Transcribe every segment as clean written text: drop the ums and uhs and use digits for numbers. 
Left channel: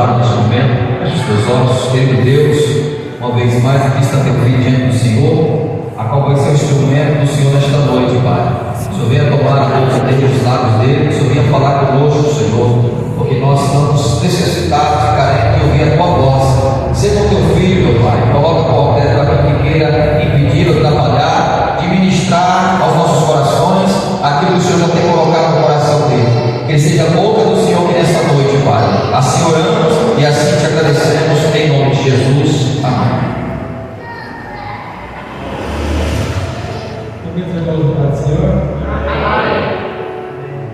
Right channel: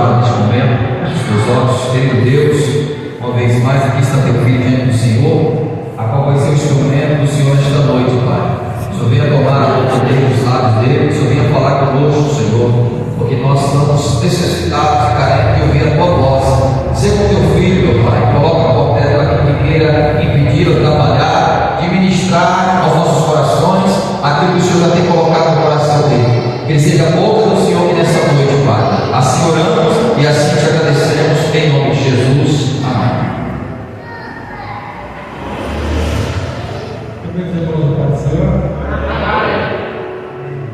orar neste momento. Feche os teus olhos, querido Deus, uma vez mais aqui está teu filho diante do Senhor, a qual vai ser o instrumento do Senhor nesta noite, Pai. O Senhor venha tomar a boca dele, os lábios dele, o Senhor venha falar conosco, Senhor, porque nós estamos necessitados e carentes de ouvir a tua voz. Seja com teu filho, meu Pai, coloca qualquer daquilo que queira impedir ou atrapalhar, de ministrar aos nossos corações aquilo que o Senhor já tem colocado no coração dele. Que ele seja a boca do Senhor que nessa noite, Pai. Assim oramos e assim te agradecemos em nome de Jesus. Amém.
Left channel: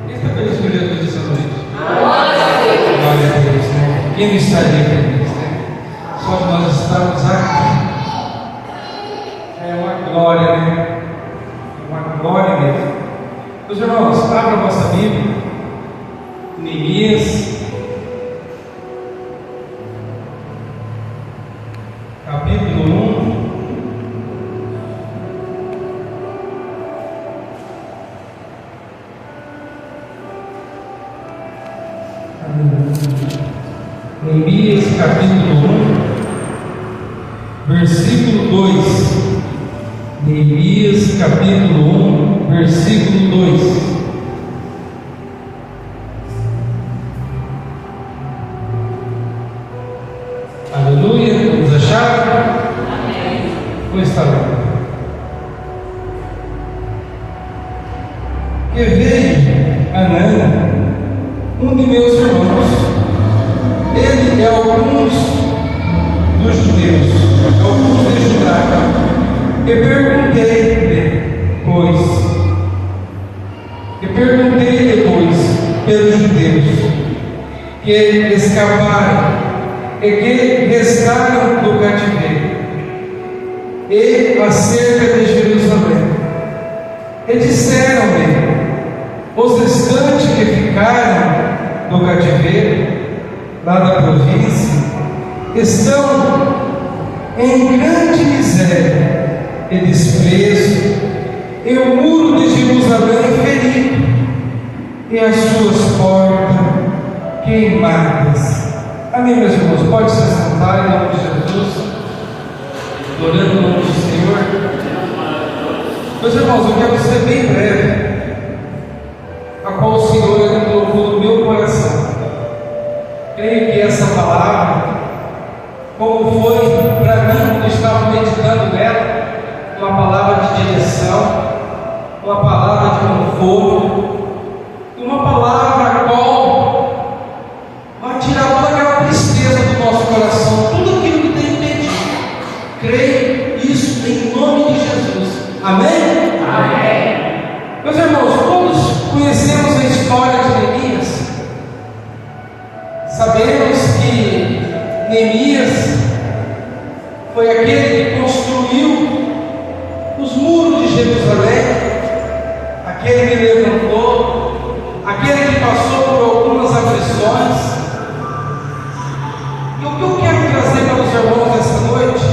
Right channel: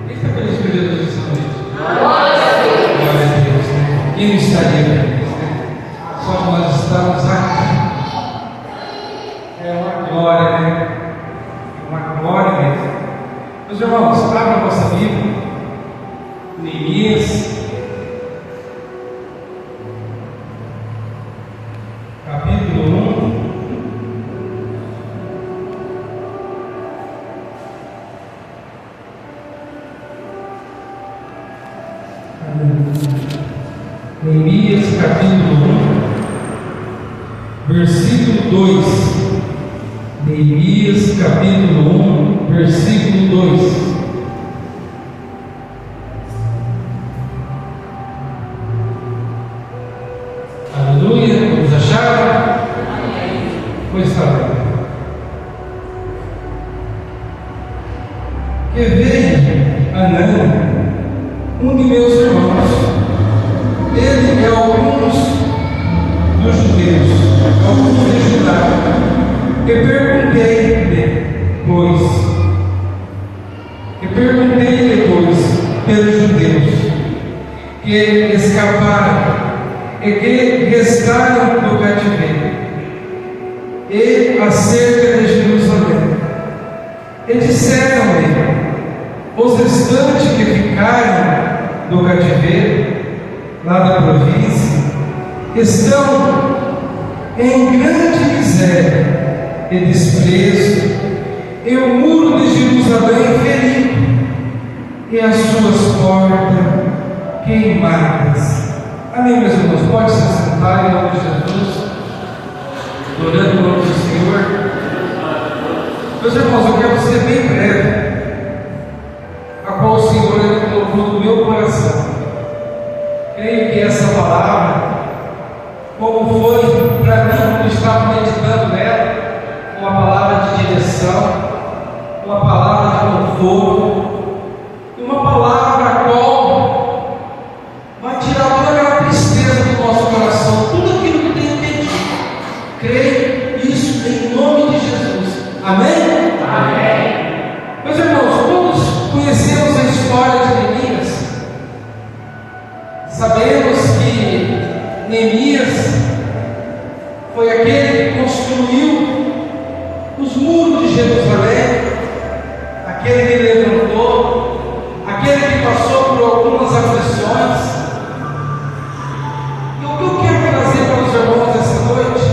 Quem está feliz com Jesus essa noite? Glória a Deus, né? Quem não estaria feliz, né? Só que nós estamos aqui. É uma glória, né? É uma glória mesmo. Meus irmãos, abra a vossa Bíblia. Neemias, capítulo 1. Neemias capítulo 1, versículo 2. Neemias capítulo 1, versículo 2. Aleluia, vamos achar? Pois está bem. Que veio Anã, um de meus irmãos. Ele é alguns dos judeus, alguns de Judá. E perguntei depois pelos judeus que escaparam e que restaram do cativeiro, e acerca de Jerusalém. E disseram-me: os restantes que ficaram do cativeiro, lá da província, estão em grande miséria e desprezo, e o muro de Jerusalém ferido, e as suas portas queimadas. Amém, meus irmãos? Pode se assentar em nome de Jesus, adorando o nome do Senhor. Meus irmãos, eu quero ser bem breve, a qual o Senhor ele colocou no meu coração. Creio que essa palavra, como foi para mim quando estava meditando nela, uma palavra de direção, uma palavra de conforto, uma palavra a qual vai tirar toda aquela tristeza do nosso coração, tudo aquilo que tem impedido. Creio isso em nome de Jesus. Amém? Amém. Meus irmãos, todos conhecemos a história de Neemias. Sabemos que Neemias foi aquele que construiu os muros de Jerusalém, aquele que levantou, aquele que passou por algumas aflições. E o que eu quero trazer para os irmãos essa noite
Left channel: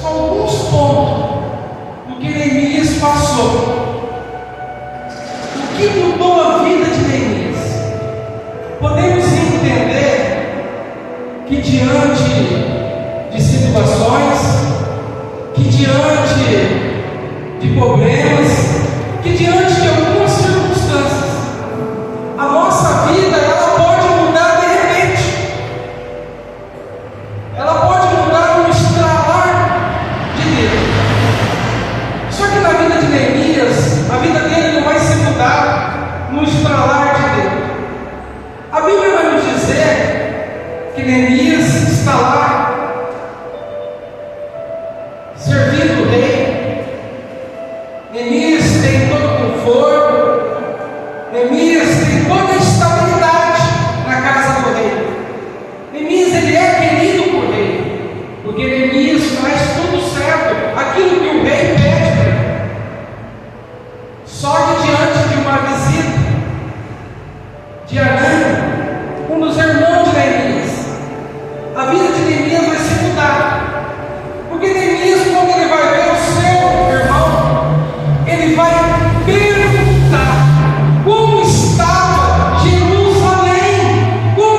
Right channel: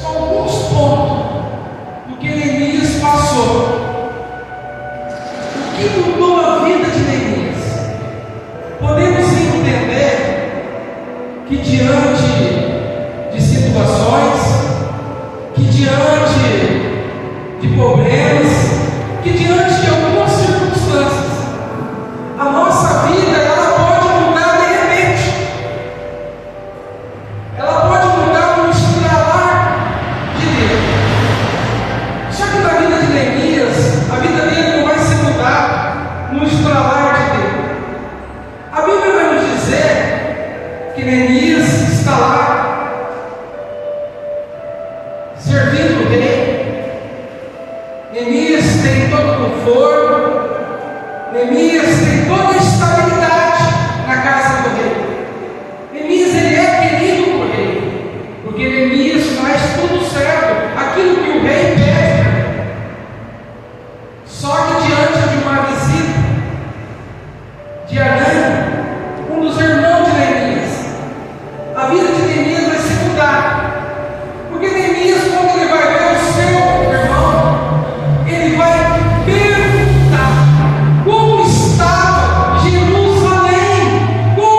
são alguns pontos do que Neemias passou, o que mudou a vida de Neemias. Podemos entender que diante de situações, que diante de problemas, que diante de algumas circunstâncias, a nossa vida ela pode mudar de repente, ela pode mudar no estralar de Deus. Só que na vida de Neemias, a vida dele não vai se mudar no estralar de Deus. A Bíblia vai nos dizer que Neemias está lá servindo o rei. Neemias tem todo o conforto, Neemias tem toda a estabilidade na casa do rei. Neemias ele é querido por rei, porque Neemias faz tudo certo, aquilo que o rei pede. Só que diante de uma visita de Anã, um dos irmãos de Neemias, a vida de Neemias vai se mudar, porque Neemias, quando ele vai ver o seu irmão, ele vai perguntar como estava Jerusalém, como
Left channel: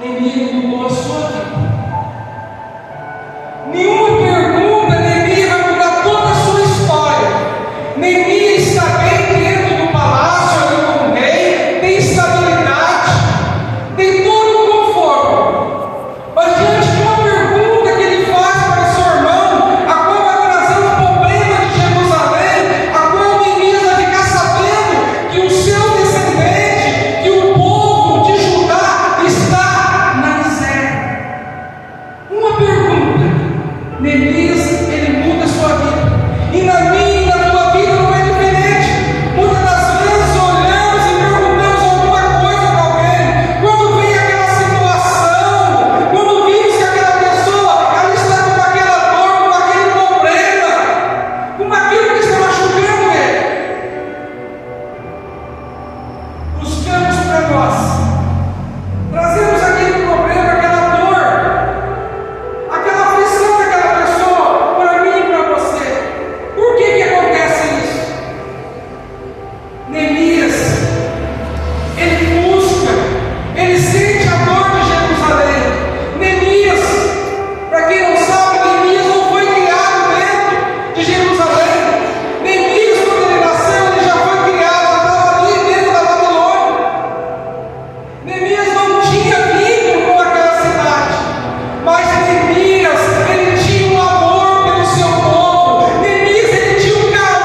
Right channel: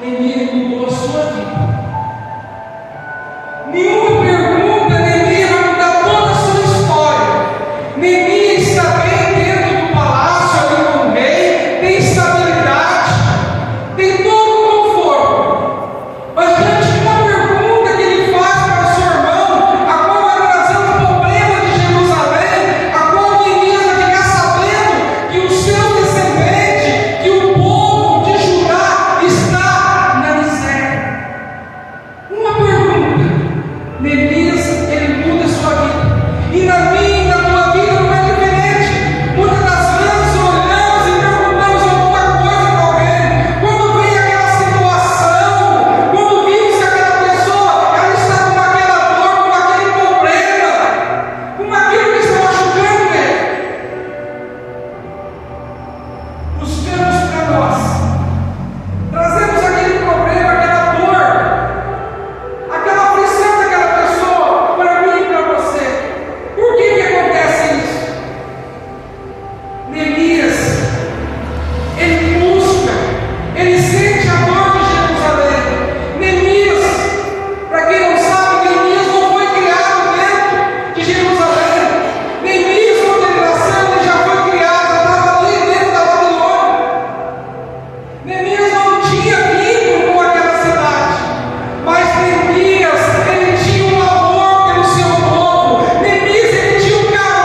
Neemias mudou a sua vida. Nenhuma pergunta, Neemias vai mudar toda a sua história. Neemias está bem dentro do palácio, ali com o rei, tem estabilidade, tem todo o conforto. Mas diante de uma pergunta que ele faz para o seu irmão, a qual vai trazer um problema de Jerusalém, a qual Neemias vai ficar sabendo que o seu descendente, que o povo de Judá está na miséria. Uma pergunta, Neemias, ele muda a sua vida. E na minha e na tua vida não é diferente. Muitas das vezes olhamos e perguntamos alguma coisa para alguém. Quando vem aquela situação, quando vimos que aquela pessoa ela está com aquela dor, com aquele problema, com aquilo que está machucando ele, buscamos para nós, trazemos aquele problema, aquela dor, aquela aflição daquela pessoa para mim e para você. Por que acontece isso? Neemias, ele busca, ele sente a dor de Jerusalém. Neemias, para quem não sabe, Neemias não foi criado dentro de Jerusalém. Neemias, quando ele nasceu, ele já foi criado, já estava ali dentro da Babilônia. Neemias não tinha vínculo com aquela cidade, mas Neemias, ele tinha um amor pelo seu povo. Neemias, ele tinha um carinho.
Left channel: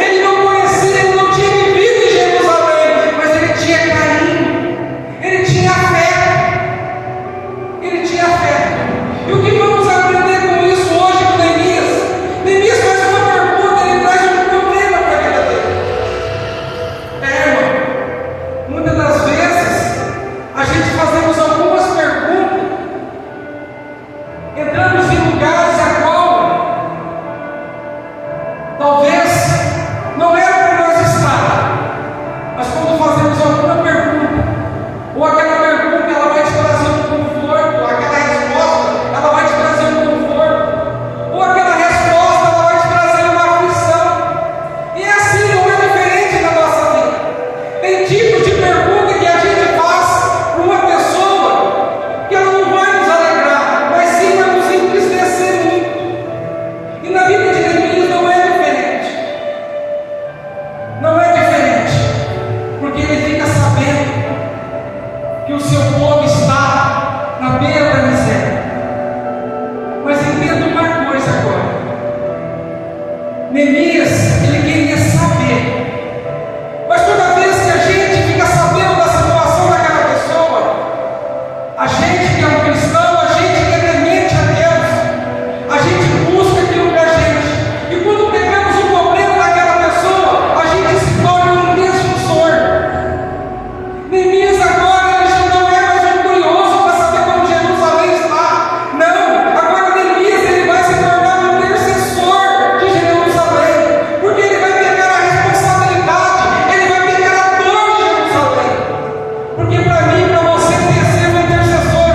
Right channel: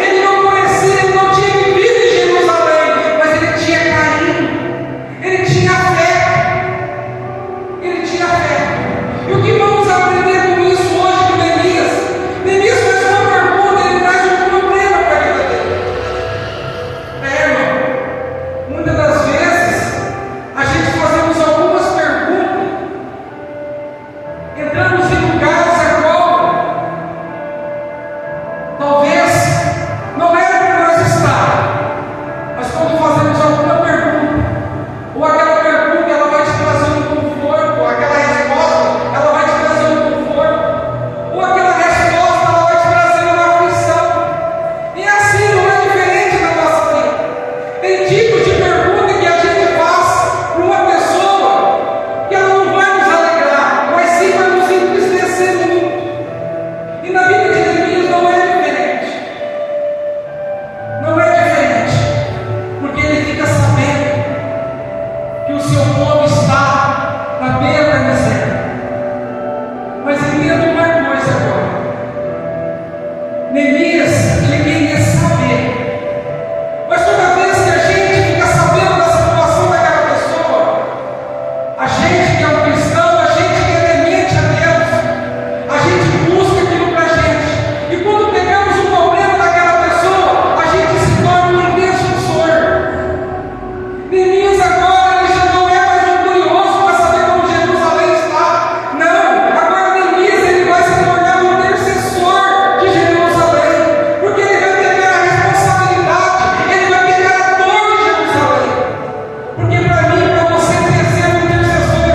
Ele não conhecia, ele não tinha vivido em Jerusalém, mas ele tinha carinho, ele tinha fé, ele tinha fé. E o que vamos aprender com isso hoje com Neemias? Neemias faz uma pergunta, ele traz um problema para a vida dele. Irmão, muitas das vezes a gente fazemos algumas perguntas, entramos em lugares a qual talvez não era para nós estar, mas quando fazemos alguma pergunta, ou aquela pergunta ela vai te trazer um conforto, aquela resposta ela vai te trazer um conforto, ou aquela resposta ela vai te trazer uma aflição. E assim não é diferente na nossa vida. Tem tipos de pergunta que a gente faz para uma pessoa que ela não vai nos alegrar, mas sim vai nos entristecer muito. E na vida de Neemias não é diferente. Não é diferente, porque ele fica sabendo que o seu povo está na beira da miséria. Mas entenda uma coisa agora. Neemias, ele queria saber. Mas toda vez que a gente fica sabendo da situação daquela pessoa, a gente que é um cristão, a gente que é temente a Deus, a gente busca aquilo para a gente. E quando pegamos o problema daquela pessoa, a gente se torna um defensor. Neemias agora ele já não é mais um curioso para saber como Jerusalém está. Não, agora Neemias ele vai se tornar um intercessor de Jerusalém, porque ele vai pegar a responsabilidade, ele vai pegar a dor de Jerusalém. Porque para mim, para você ser um intercessor,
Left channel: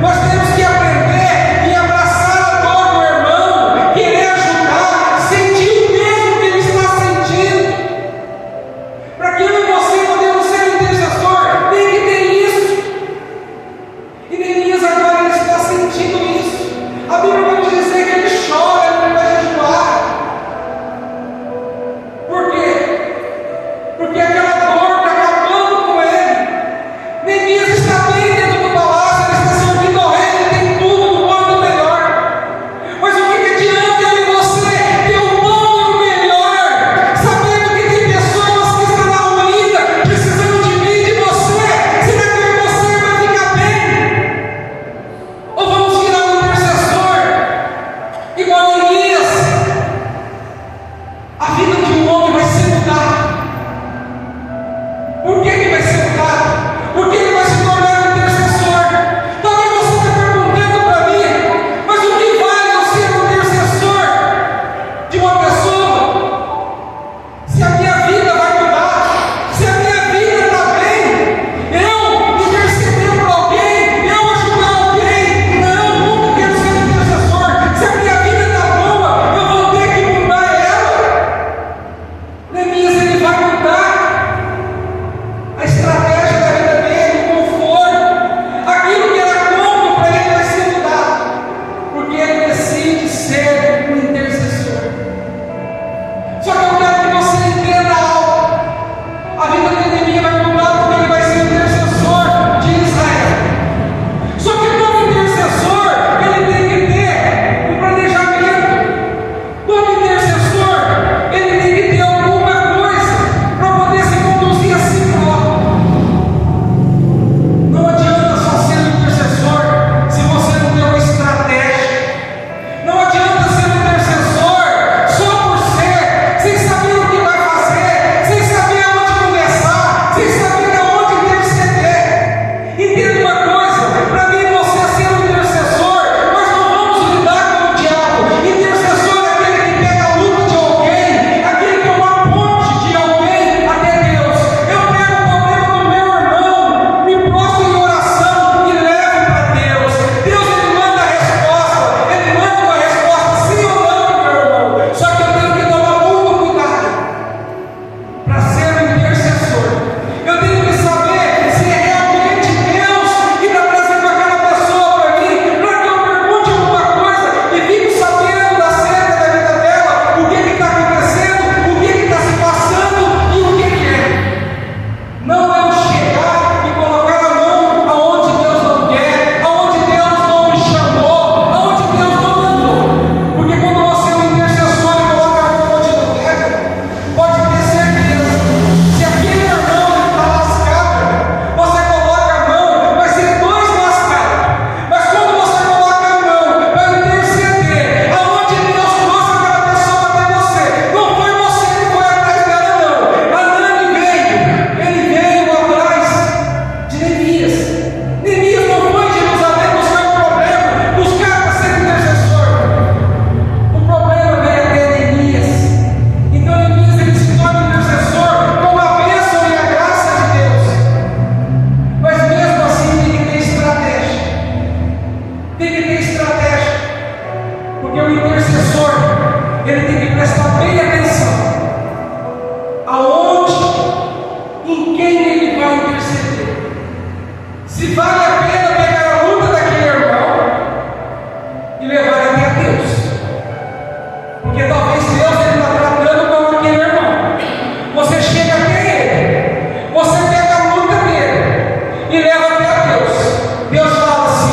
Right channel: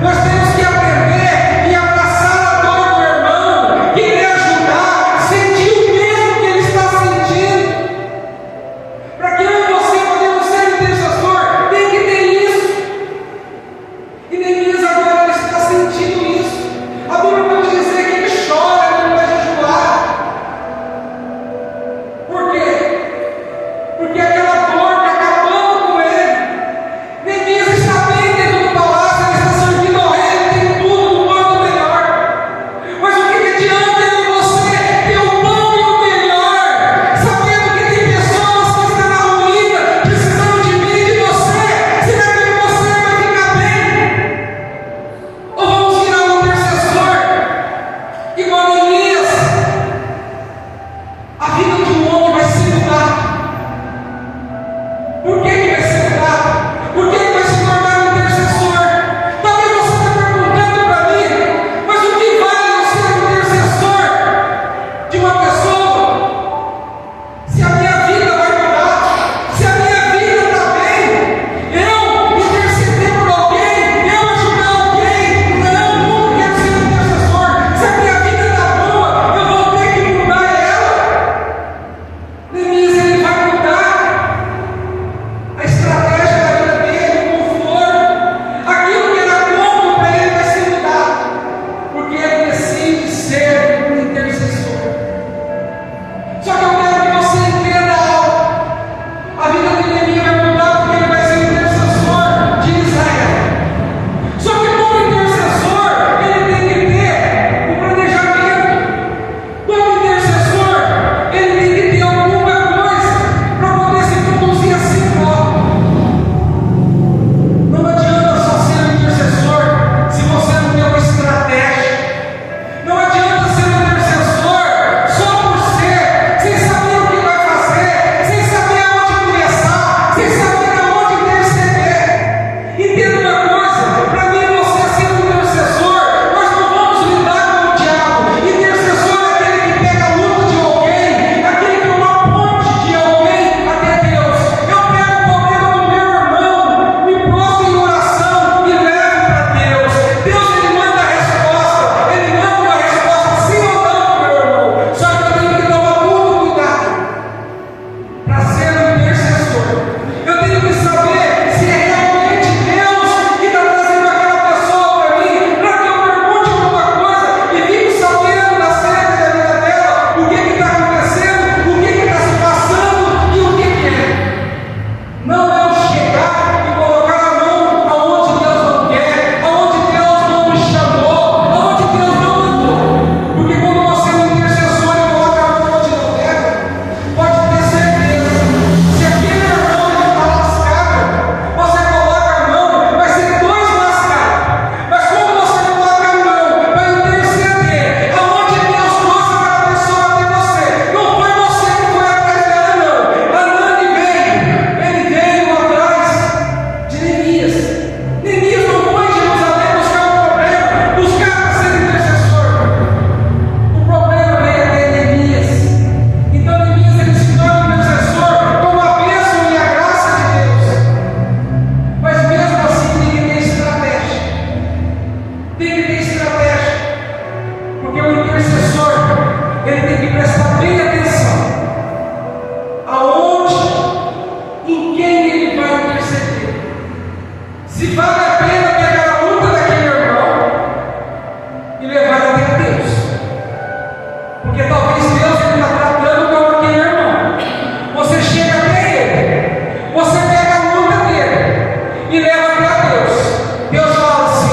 nós temos que aprender e abraçar a dor do irmão, querer ajudar, sentir o mesmo que ele está sentindo. Para que eu e você podemos ser intercessor, tem que ter isso. E Neemias agora ele está sentindo isso. A Bíblia vai nos dizer que ele chora, ele vai jejuar. Por quê? Porque aquela dor está acabando com ele. Neemias está bem dentro do palácio, ele está servindo ao rei, ele tem tudo do bom e do melhor. Mas o que adianta eu e você ter o bom e o melhor, sabendo que tem pessoas que estão na ruína, precisando de mim e de você? Será que você vai ficar bem?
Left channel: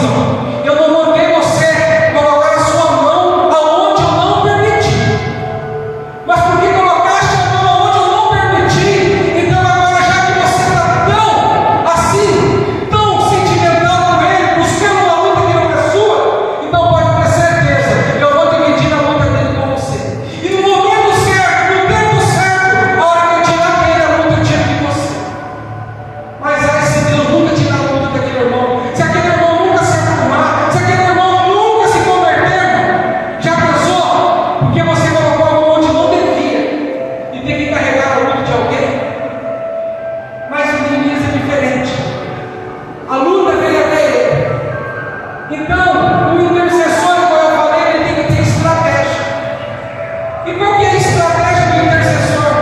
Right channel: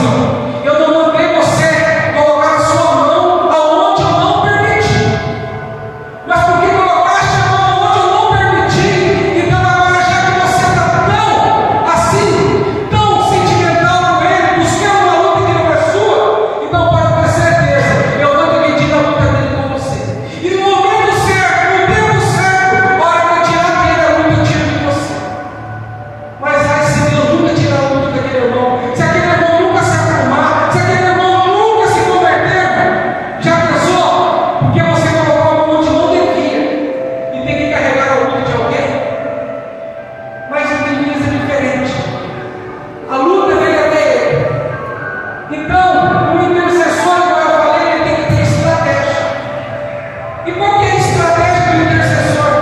assim, ó, eu não mandei você colocar a sua mão aonde eu não permiti. Mas porque colocaste a mão aonde eu não permiti, então agora já que você está tão assim, tão sentimental com ele, buscando uma luta que não é sua, então pode ter certeza, eu vou dividir a luta dele com você. E no momento certo, no tempo certo, a hora que eu tirar dele a luta, eu tiro de você. Mas ai, se Deus nunca tirar a luta daquele irmão, se aquele irmão nunca se acalmar, se aquele irmão nunca se converter, já pensou? Porque você colocou a mão onde não devia e tem que carregar a luta de alguém? Mas o Neemias é diferente. A luta veio até ele. Então, o intercessor, como eu falei, ele tem que ter estratégia. E qual que é a estratégia do intercessor?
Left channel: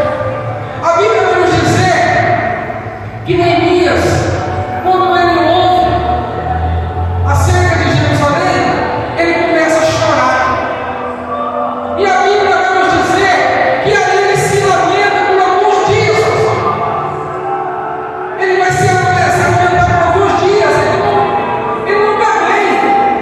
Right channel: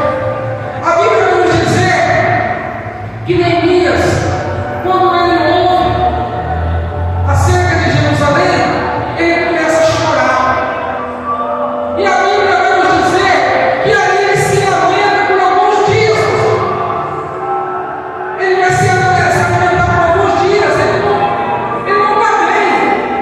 A Bíblia vai nos dizer que Neemias, quando ele ouve acerca de Jerusalém, ele começa a chorar. E a Bíblia vai nos dizer que aí ele se lamenta por alguns dias. Ele vai se lamentar por alguns dias. Ele não está bem.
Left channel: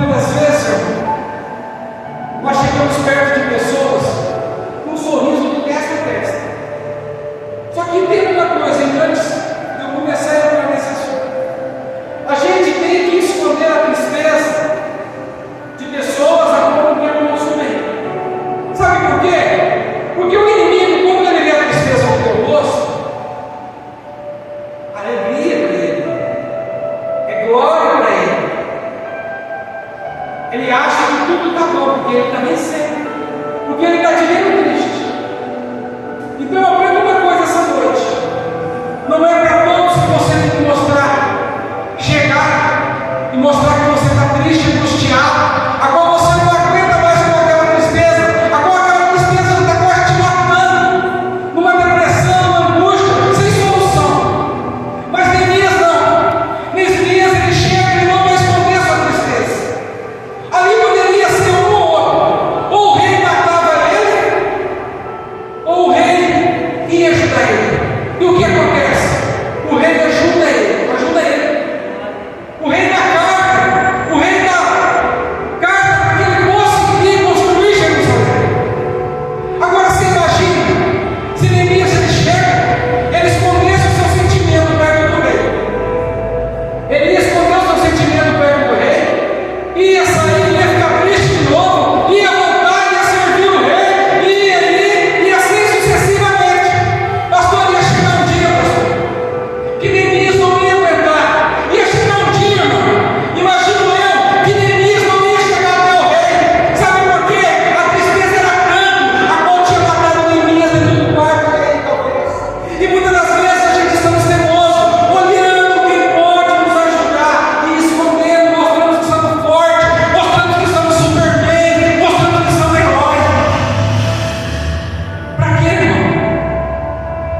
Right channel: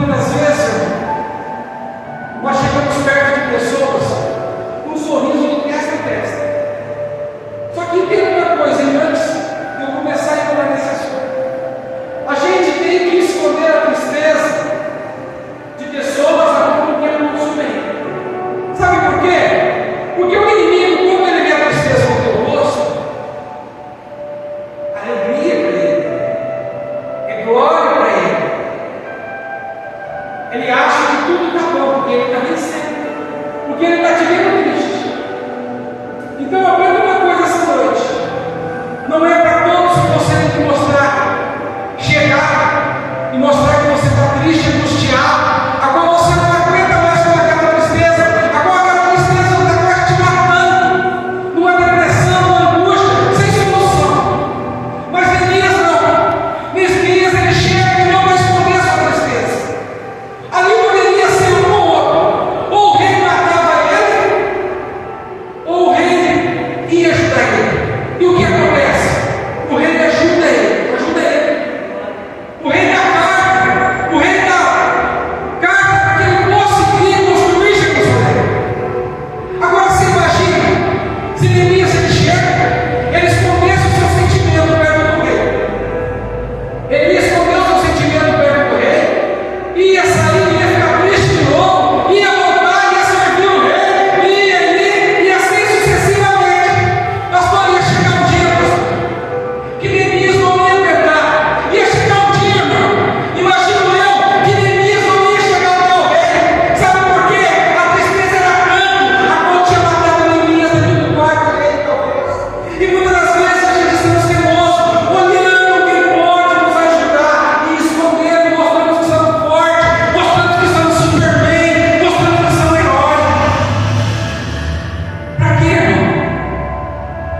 muitas das vezes, nós chegamos perto de pessoas com um sorriso de testa a testa. Só que tem uma coisa, hein, antes de eu começar a entrar nesse assunto. A gente tem que esconder a tristeza de pessoas a qual não tem nosso bem. Sabe por quê? Porque o inimigo, quando ele vê a tristeza no teu rosto, alegria para ele, é glória para ele. Ele acha que tudo está bom, porque ele está vencendo, porque ele está te vendo triste. Então eu aprendo uma coisa essa noite: não é para todos que você tem que mostrar, chegar e mostrar que você está triste, angustiado, agora você não aguenta mais com aquela tristeza, agora aquela tristeza está quase te matando, numa depressão, numa angústia, sem solução. Mas Neemias não. Neemias ele chega e não vai esconder a sua tristeza. Ali poderia ser um ou outro: ou o rei matava ele, ou o rei ia ajudar ele. E o que acontece? O rei ajuda ele, o rei dá carta, o rei dá carta para que ele conseguir construir Jerusalém. Agora você imagina, se Neemias ele chega, ele escondesse o seu sentimento perto do rei. Ele ia esconder o seu sentimento perto do rei, ia sair, ia ficar triste de novo, ia voltar, ia servir o rei, ia ali, e assim sucessivamente. Pastor, ia chegar um dia, pastor, que Neemias não ia aguentar. Ia chegar um dia, irmão, imagino eu, que Neemias não ia chegar até o rei. Sabe por quê? A tristeza era tanto, a qual tinha matado Neemias dentro do quarto dele, talvez. E muitas das vezes a gente estamos teimosos, olhando quem pode nos ajudar e escondendo, mostrando que somos fortes, mostrando que somos Superman, mostrando que somos heróis. Para quê, irmão?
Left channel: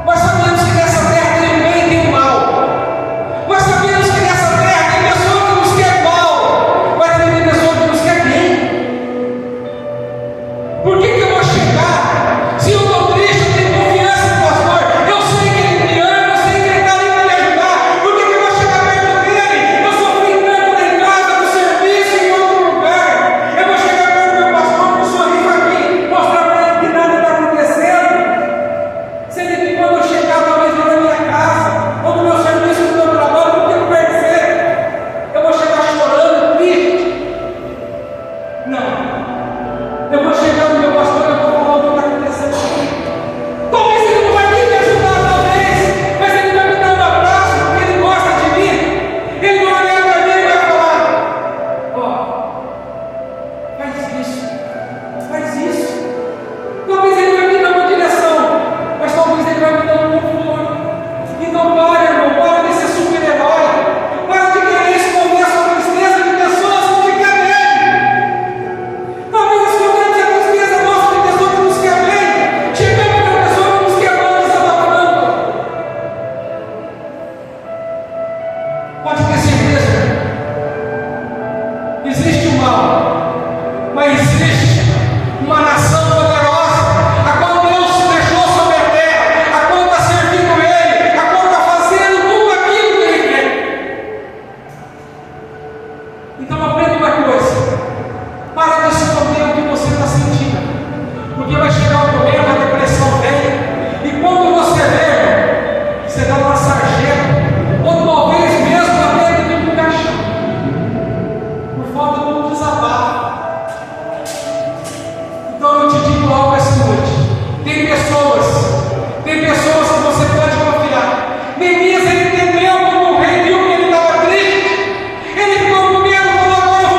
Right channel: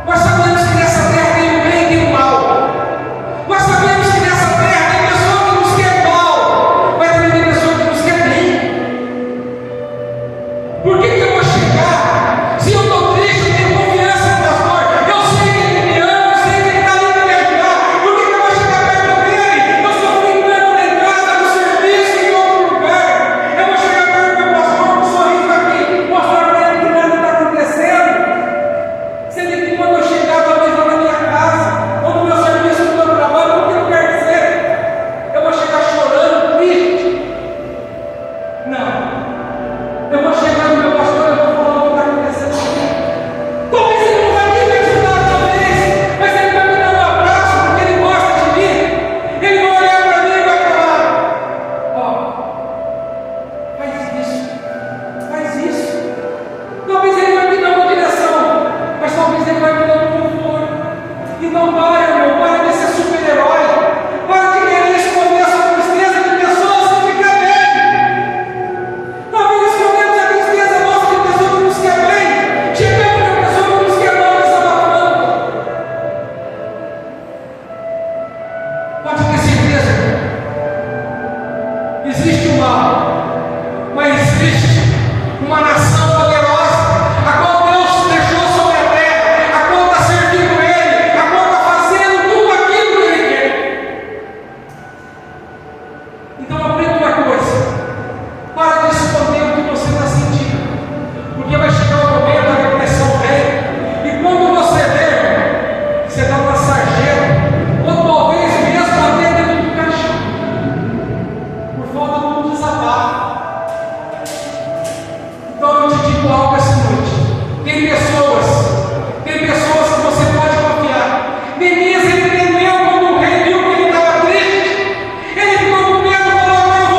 Nós sabemos que nessa terra tem o bem e tem o mal. Nós sabemos que nessa terra tem pessoa que nos quer mal, mas também tem pessoa que nos quer bem. Por que eu vou chegar? Se eu estou triste, eu tenho confiança no pastor, eu sei que ele me ama, eu sei que ele está ali para me ajudar. Por que eu vou chegar perto dele? Eu sofri tanto lá em casa, no serviço, em outro lugar. Eu vou chegar perto do pastor com um sorriso aqui, mostrar para ele que nada está acontecendo. Sendo que quando eu chegar, talvez lá na minha casa, ou no meu serviço, no meu trabalho, porque não quer dizer, eu vou chegar chorando, triste. Não. Eu vou chegar no meu pastor e eu vou falar o que está acontecendo. Talvez ele não vai nem me ajudar, talvez, mas ele vai me dar um abraço, porque ele gosta de mim. Ele vai olhar para mim e vai falar: ó, faz isso, faz isso. Talvez ele vai me dar uma direção, mas talvez ele vai me dar um conforto. Então para, irmão, para de ser super-herói, para de querer esconder a sua tristeza de pessoas que te querem bem. Talvez escondemos a tristeza nossa de pessoa que nos quer bem, chegamos para a pessoa que nos quer mal e desabafando. Pode ter certeza, existe o mal, mas existe uma nação poderosa, a qual Deus deixou sobre a terra, a qual está servindo Ele, a qual está fazendo tudo aquilo que Ele quer. Então aprenda uma coisa: para de esconder o que você está sentindo, porque vai chegar o momento da depressão vem, e quando você vê, você está numa sarjeta, ou talvez mesmo até dentro do caixão, por falta de um desabafo. Então eu te digo algo essa noite: tem pessoas que você pode confiar. Neemias ele temeu quando o rei viu que ele estava triste, ele ficou com medo, falou: agora eu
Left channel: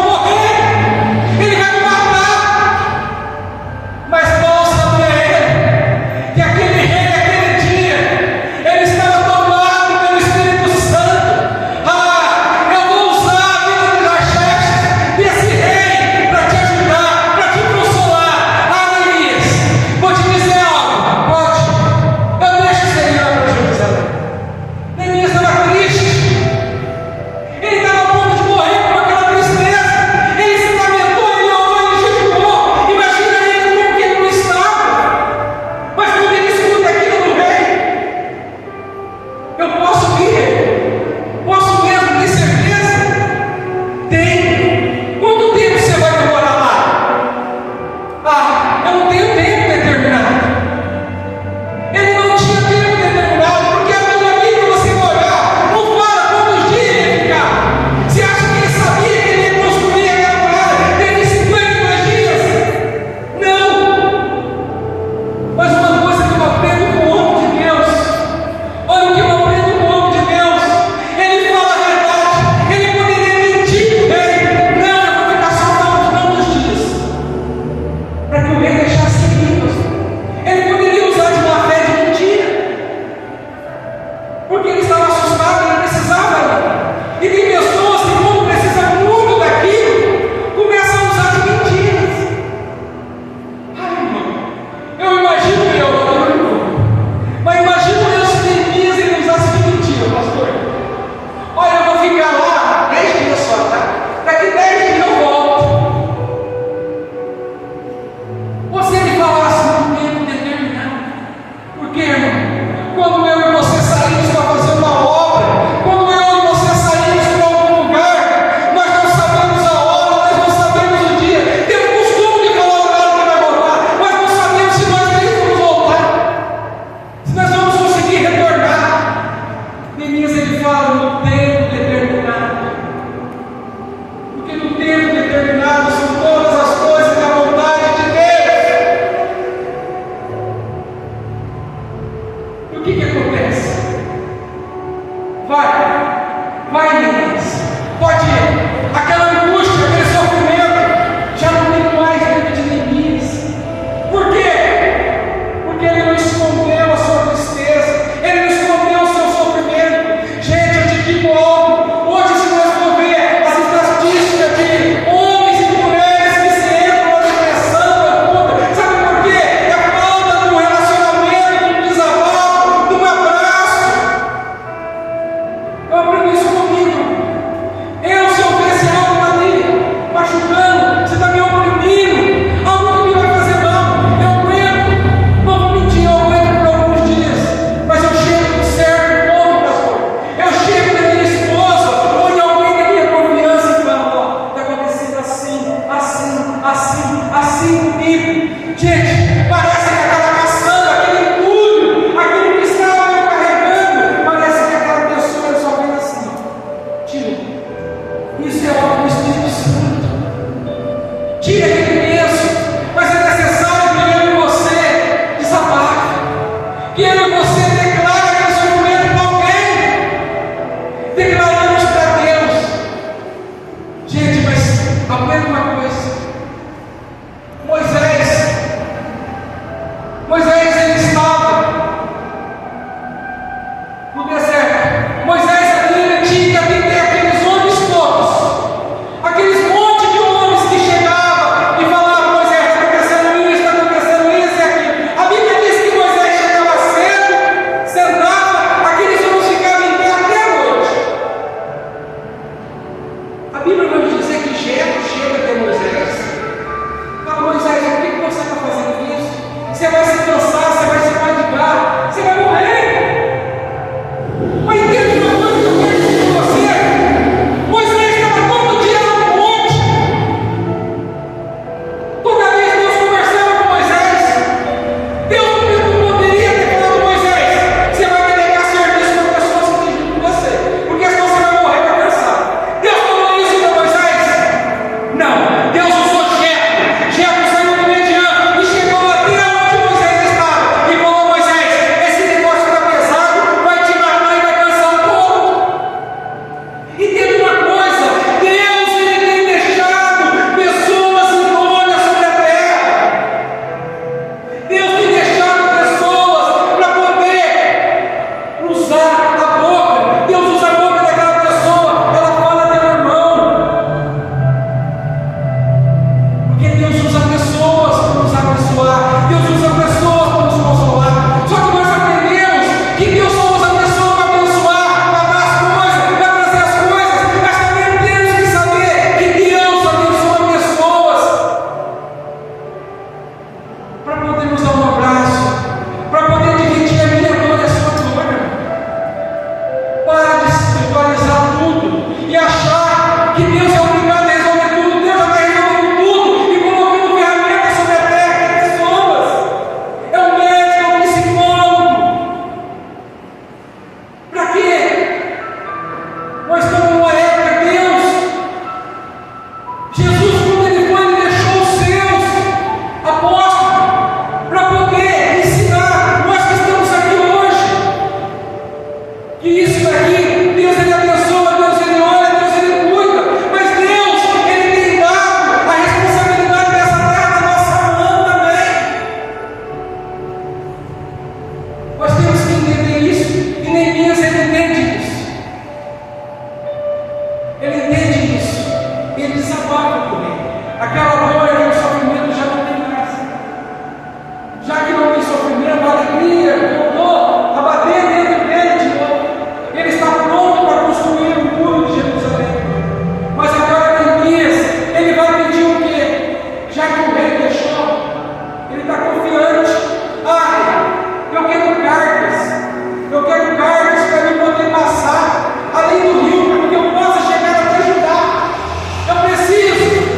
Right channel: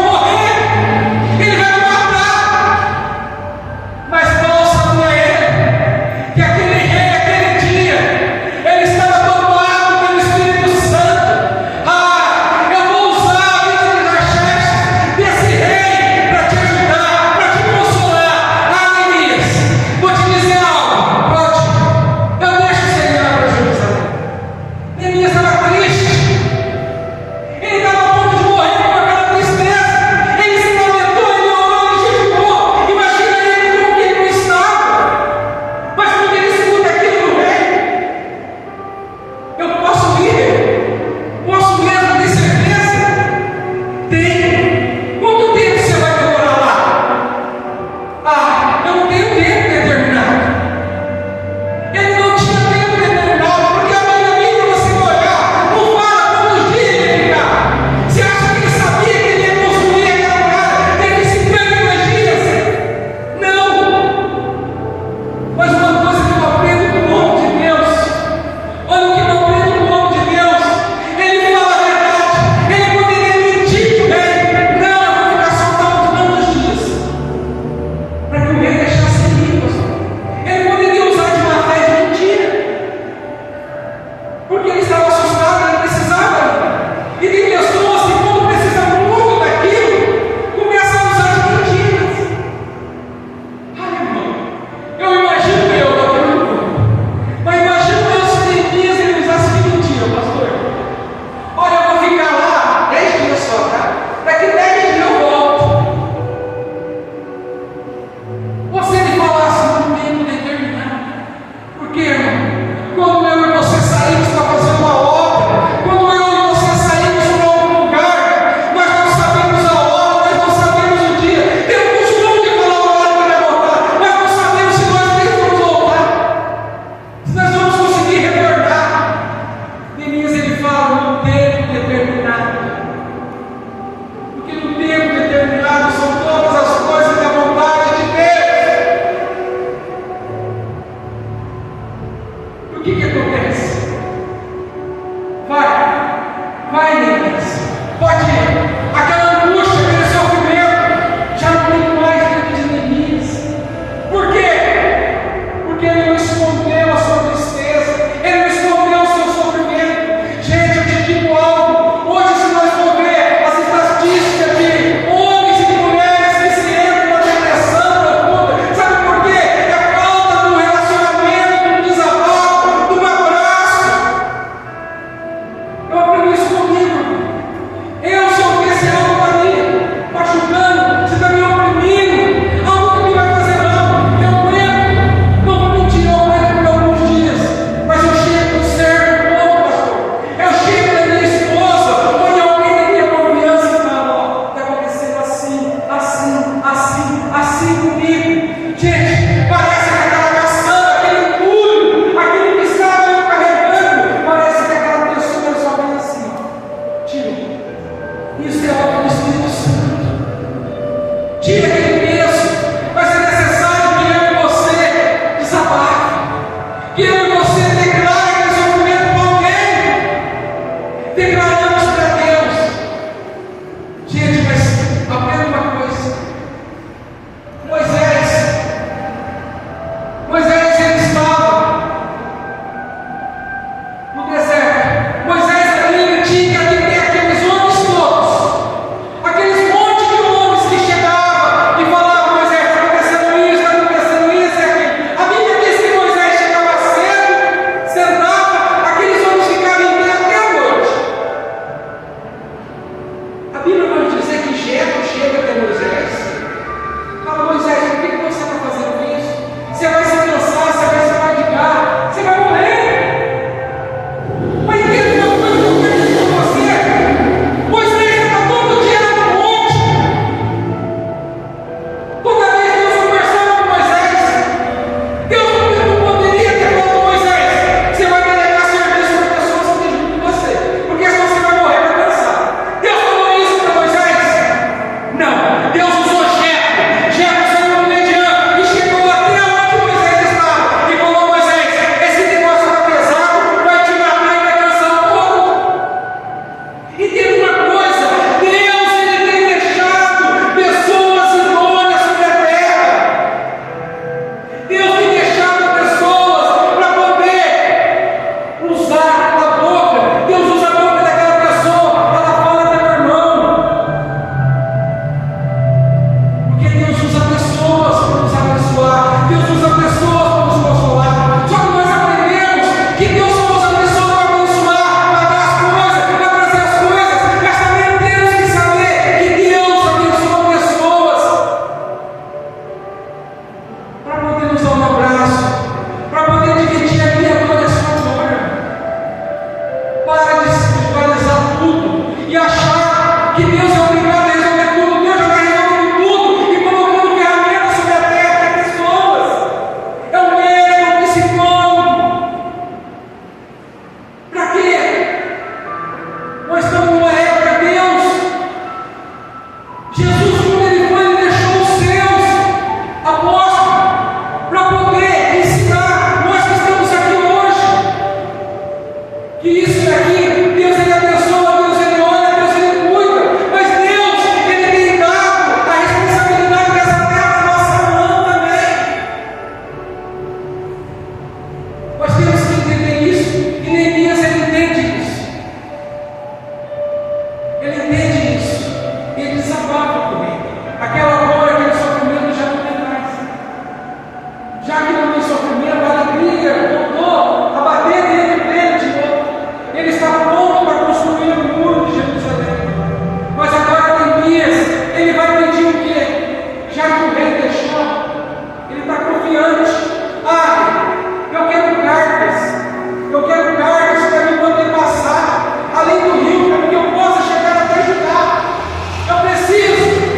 Isso é obra do Espírito Santo. Tira aquele peso, mas é necessário que eu e você desabafe, que eu e você declare aquele sofrimento para alguém. Declaramos para Deus. Gente, mas aprenda uma coisa. Moisés ele estava no deserto. Moisés ali tinha que ter aqueles homens todos, aqueles monte de homens que chegavam e falavam: Moisés, está acontecendo isso, e aquilo. A Bíblia diz que Moisés chegava cedo, sentava, aqueles homens ficavam em pé até a noite. A Bíblia vai nos dizer que Jetro chega até Moisés, fala: Moisés, por que você está fazendo isso? Você vai se cansar, você vai se fadigar, você vai morrer. Mas entende uma coisa que eu quero dizer para você: Moisés estava todo dia no monte. Toda vez que Deus conversava com Moisés, Deus não poderia ter falado com Moisés: você vai delegar serviço para pessoas que têm junto com você, porque senão você vai morrer para cansar. Deus falou isso para Moisés? Não. Deus usou Jetro. Jetro saiu de Midian e chegou até onde Moisés estava e falou: Moisés, esse negócio está pesado, vai te matar e vai cansar um pouco. E tem uma coisa: Deus ele tem deixado pessoas idôneas sobre a terra. Deus tem deixado pessoas para poder usar a boca. Deus usa a boca daquela pessoa, ela fala do meu irmão. Porque Deus usa pessoas para nos abençoar, Deus usa pessoas para nos consolar. Só que nós aprendemos que Deus só usa pessoas para abençoar, para dar as coisas, para trazer as coisas, mas também temos que saber que Deus abençoa pessoas para poder nos dar um abraço, para poder dividir a minha dor e a sua dor. Para de espiritualizar tudo e achar que Deus é obrigado a resolver tudo. Deus já está resolvendo tudo e colocando ferramentas sobre a terra para pessoas. É um médico, é um psicólogo. Para quê? Nós estamos numa época, Deus. Jesus, quando ele foi, ele deixou os seus apóstolos para poder ensinar nós que estamos aqui hoje. Que isso daqui, Deus ele abençoa, Deus ele olha, Deus ele cuida, mas Deus ele tem dado a responsabilidade dessa terra na nossa mão também. Nós temos que entender isso, e Neemias ele entende isso. Ele entende isso, e ele desabafa comigo. Aquela dor, aquele sofrimento já não tem mais. Já que não tem sofrimento, a alegria voltou a bater dentro dele de novo. Ele está pronto para construir o muro de Jerusalém. Mas agora Neemias, ele vai pedir o quê? Já que o rei deixou, ele está confiante. Eu quero cargas para mim poder passar além do rio, para que eu possa chegar até Judá. Eu preciso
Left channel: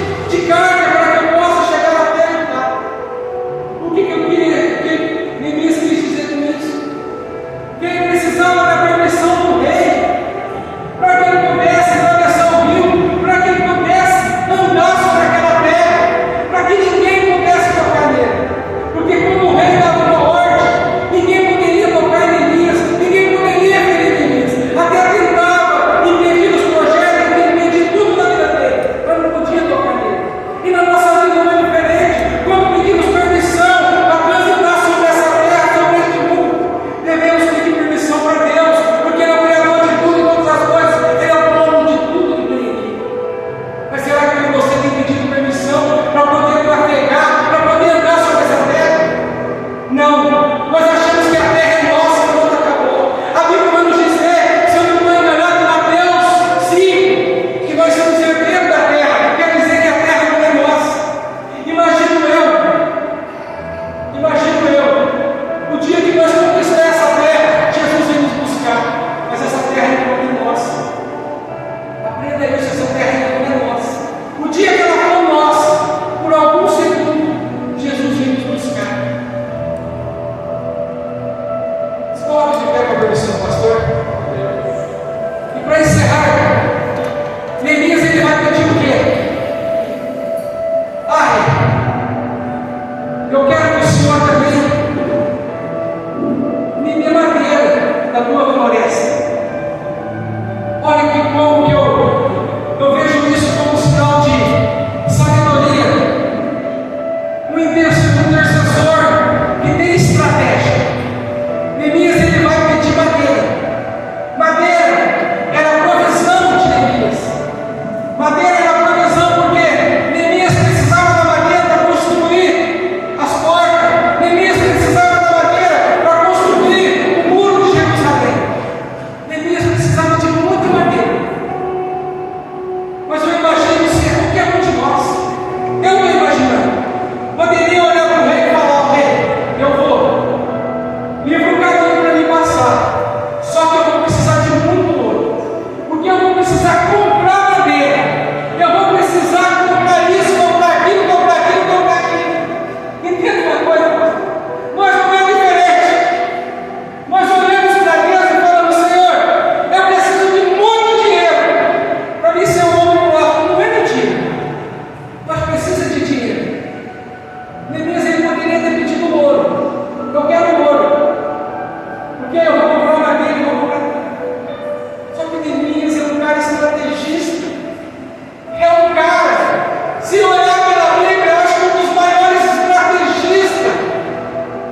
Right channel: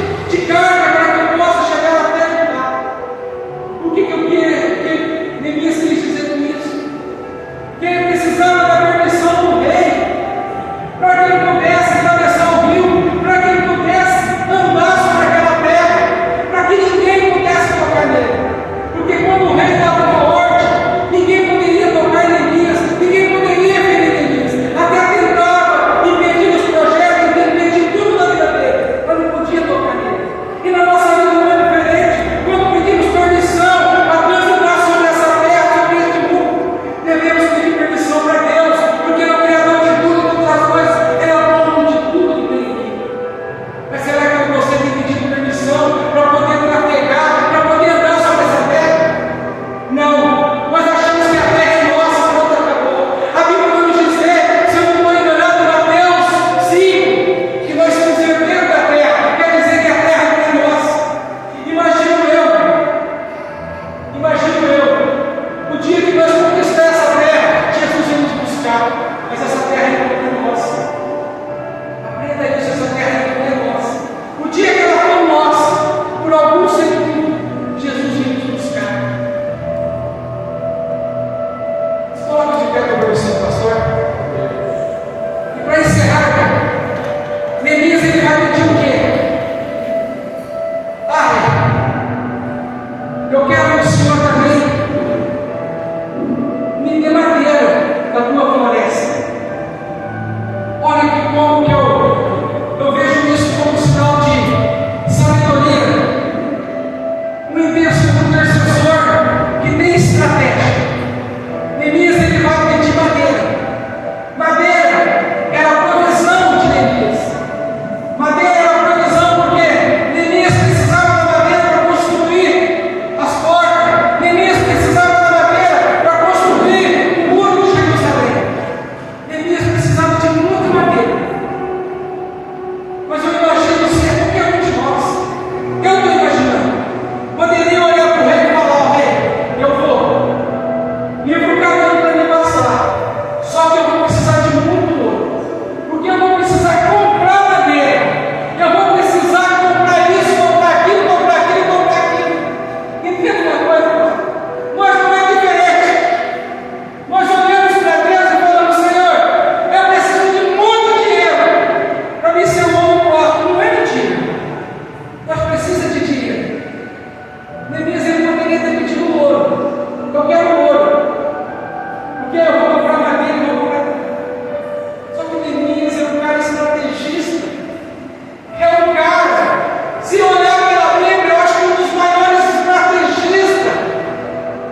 Se olhar pela Bíblia, eu acho que um dos maiores estrategistas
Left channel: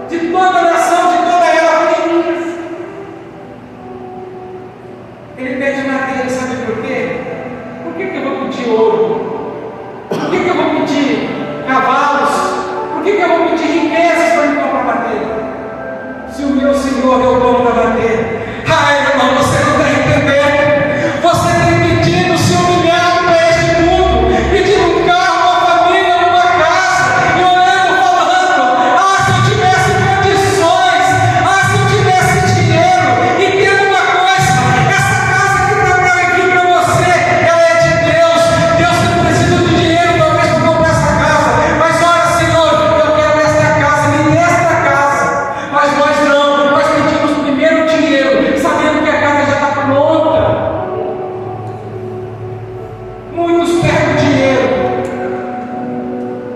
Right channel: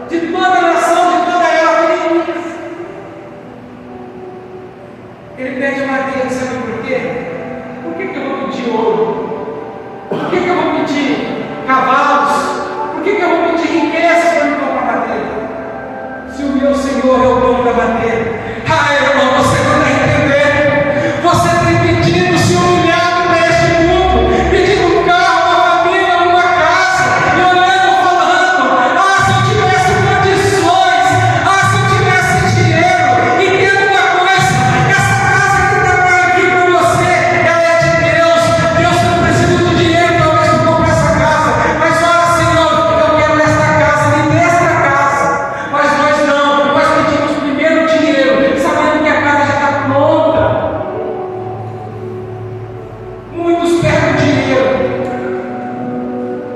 de toda a nação, de toda a era, foi Elias. Ele pede madeira, sabe por quê? Por que eu vou pedir ouro? Por que eu vou pedir cavalos? Por que eu vou pedir riquezas para me comprar madeira? Se o meu Senhor é o dono da madeira. Ah, irmão, você não está entendendo. Você tem pedido se humilhar para este mundo, pedindo um carro, uma família, uma casa, e olhando, falando: ah, se eu tivesse condições, ah, se eu tivesse dinheiro. Entenda uma coisa: essa casa que está aqui para você, ela é de Deus. Deus não precisa do dinheiro talvez para comprar essa casa, mas olha, Senhor, eu quero esta casa, me dê esta casa. Mas nós não, nós pedimos primeiro dinheiro, sabendo que a casa já está pronta. Muitos perdem dinheiro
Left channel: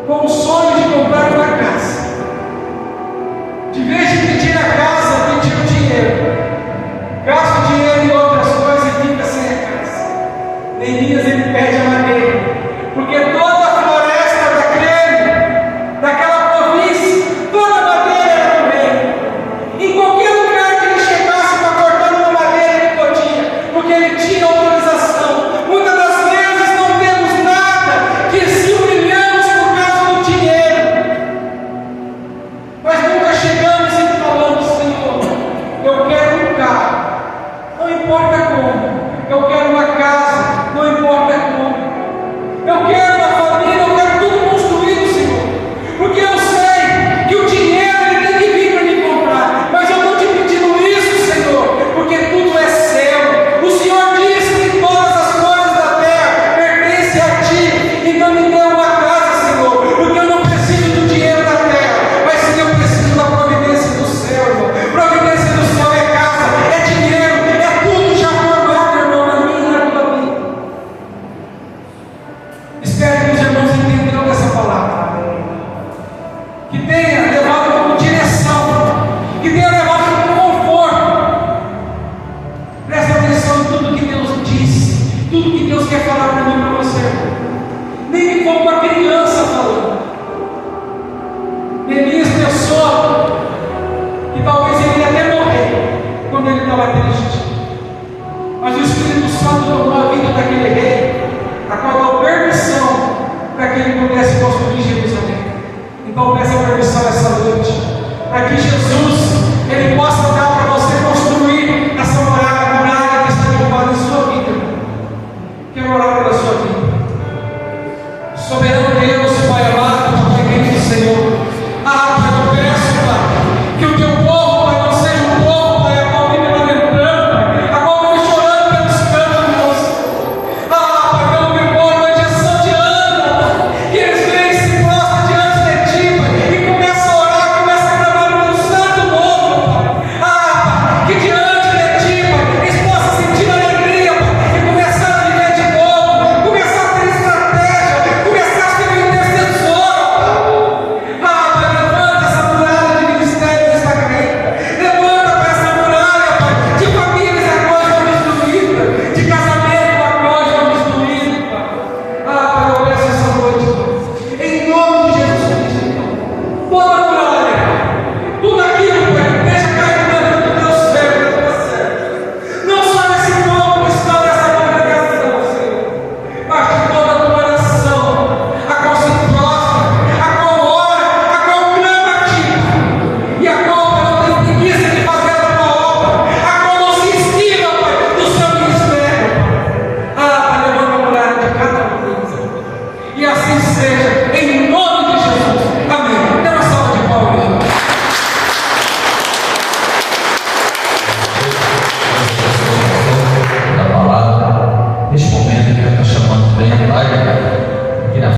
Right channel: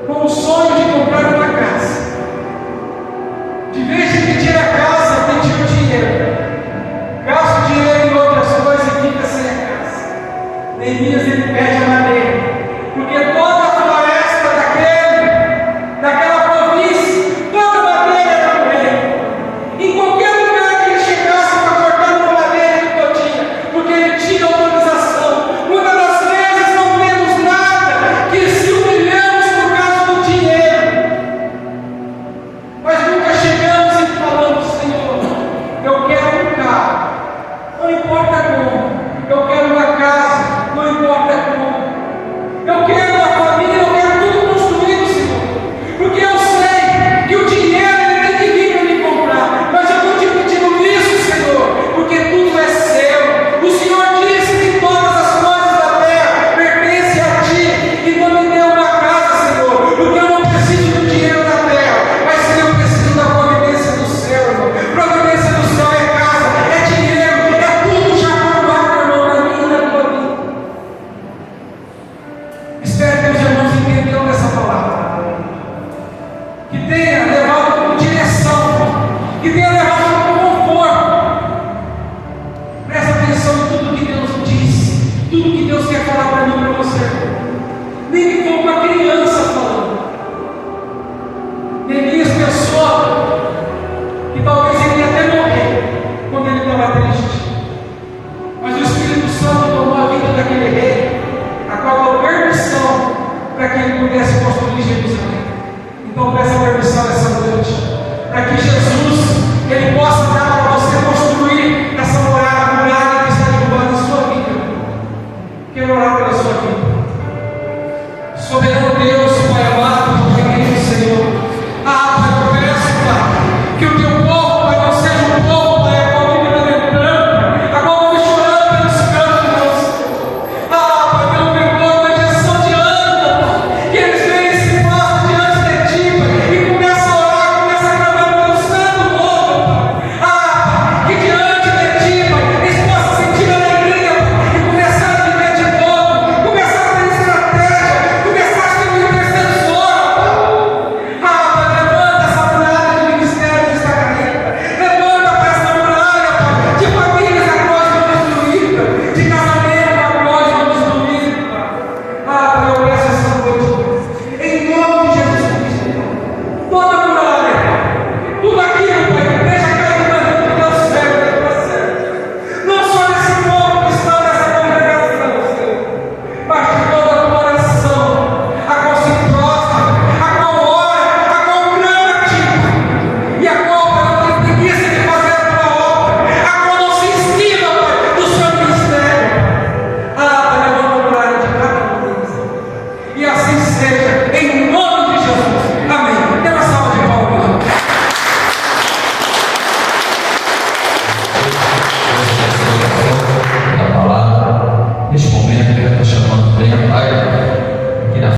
com o sonho de comprar uma casa. De vez de pedir a casa, pedir o dinheiro. Gasta o dinheiro em outras coisas e fica sem a casa. Neemias, ele perde a madeira, porque toda a floresta daquela província, toda a madeira era do rei. Em qualquer lugar que ele chegasse para cortar uma madeira, ele podia, porque ele tinha autorização. Muitas das vezes não temos nada, que se humilhamos por causa do dinheiro, mas nunca chegamos e falamos: Senhor, eu quero um carro, não importa como, eu quero uma casa, não importa como, eu quero uma família, eu quero tudo construído, Senhor, porque eu sei que o dinheiro ele tem que vir para me comprar, mas eu estou te pedindo isso, Senhor, porque tudo é seu. O Senhor disse que todas as coisas da terra pertencem a ti, então me dê uma casa, Senhor, porque eu não preciso do dinheiro da terra, mas sim eu preciso da providência do céu, irmão. Providência do céu é casa, é dinheiro, é tudo já formado, irmão, na minha e na tua vida. Espero que os irmãos entenderam essa palavra, que tenha levado como direção, que tenha levado como conforto. Presta atenção em tudo que Deus diz, tudo que Deus quer falar para mim e para você. Nem que for uma criança falando. Neemias pensou que talvez ele ia até morrer quando ele estava triste, mas o Espírito Santo tomou a vida daquele rei, a qual deu permissão para que ele pudesse construir Jerusalém. Então peça permissão essa noite, para que Jesus ele possa dar para você construir essa muralha que está derrubada em sua vida. Quero orar pela sua vida. Soberano Deus, Pai amado, querido Senhor, Pai, eu peço, Pai, que o teu povo, Pai, não seja um povo, Pai, a qual vive lamentando, a qual vive chorando pelos cantos, Pai, pelo memória, uma injeção de ânimo, Pai, que eles vêm e se prostram diante de ti, Pai, e começam a orar, começam a clamar pelo santo novo, Pai, Pai, que diante de ti, Pai, eles possam sentir alegria, Pai, e começar a viver de novo, começar a ter estratégia, começar a ter um intercessor, Pai, levanta essa muralha de ministério que está caída, levanta para essa muralha, Pai, de famílias a qual estão destruídas, de casamento a qual estão destruídos, Pai. Pai, eu peço essa noite, Pai, em nome de Jesus Cristo, Pai, toda muralha, Pai, tudo aquilo, Pai, deixa cair no meio do teu céu, do teu processo, não só nesse povo que está nessa congregação, Senhor, mas de toda a tua nação, a qual se prostra, a qual ora, a qual clama a ti, Pai, e a qual, Pai, não tem preguiça de fazer a tua obra, a qual não se esquiva, Pai, do seu ministério, Pai. Pai, levanta a muralha de cada um deles, e assim